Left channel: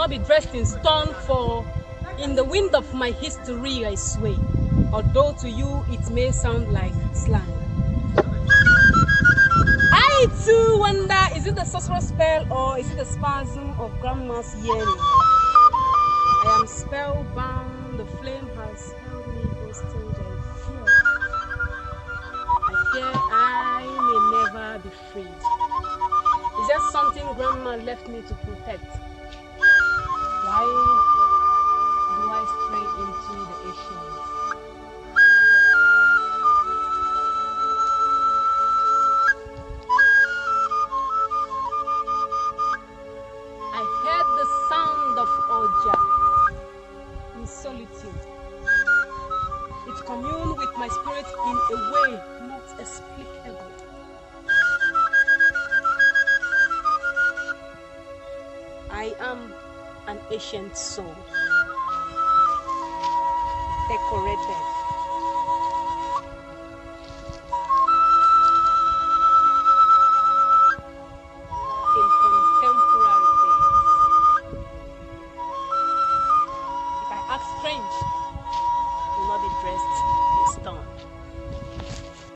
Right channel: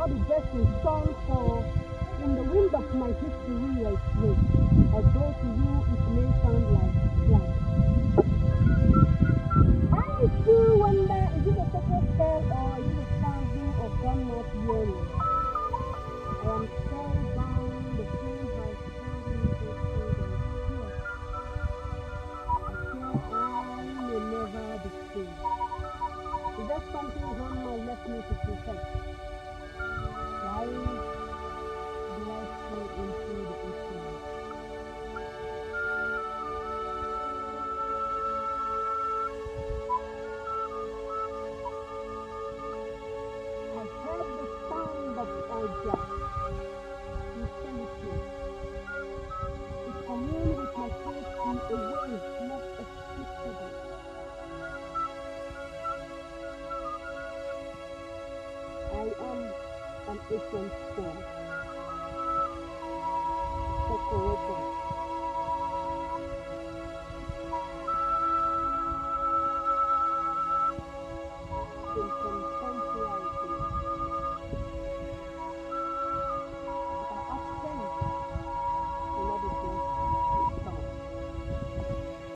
not be dressed in stone, for in the wind of my history I sway, although to you it may sound like slang. I too wonder, is it the sorcerer's spell or is it the spasm of grandma's yearning? I am spellbound, the flame has held me hostage, I fear I may never be freed. Is there something grandma left me to protect? Why do I stray into the ancients? I heard the sound of Oja in solitude. It communed with my spirit in a way not explicable. I am an ancient soul, decorated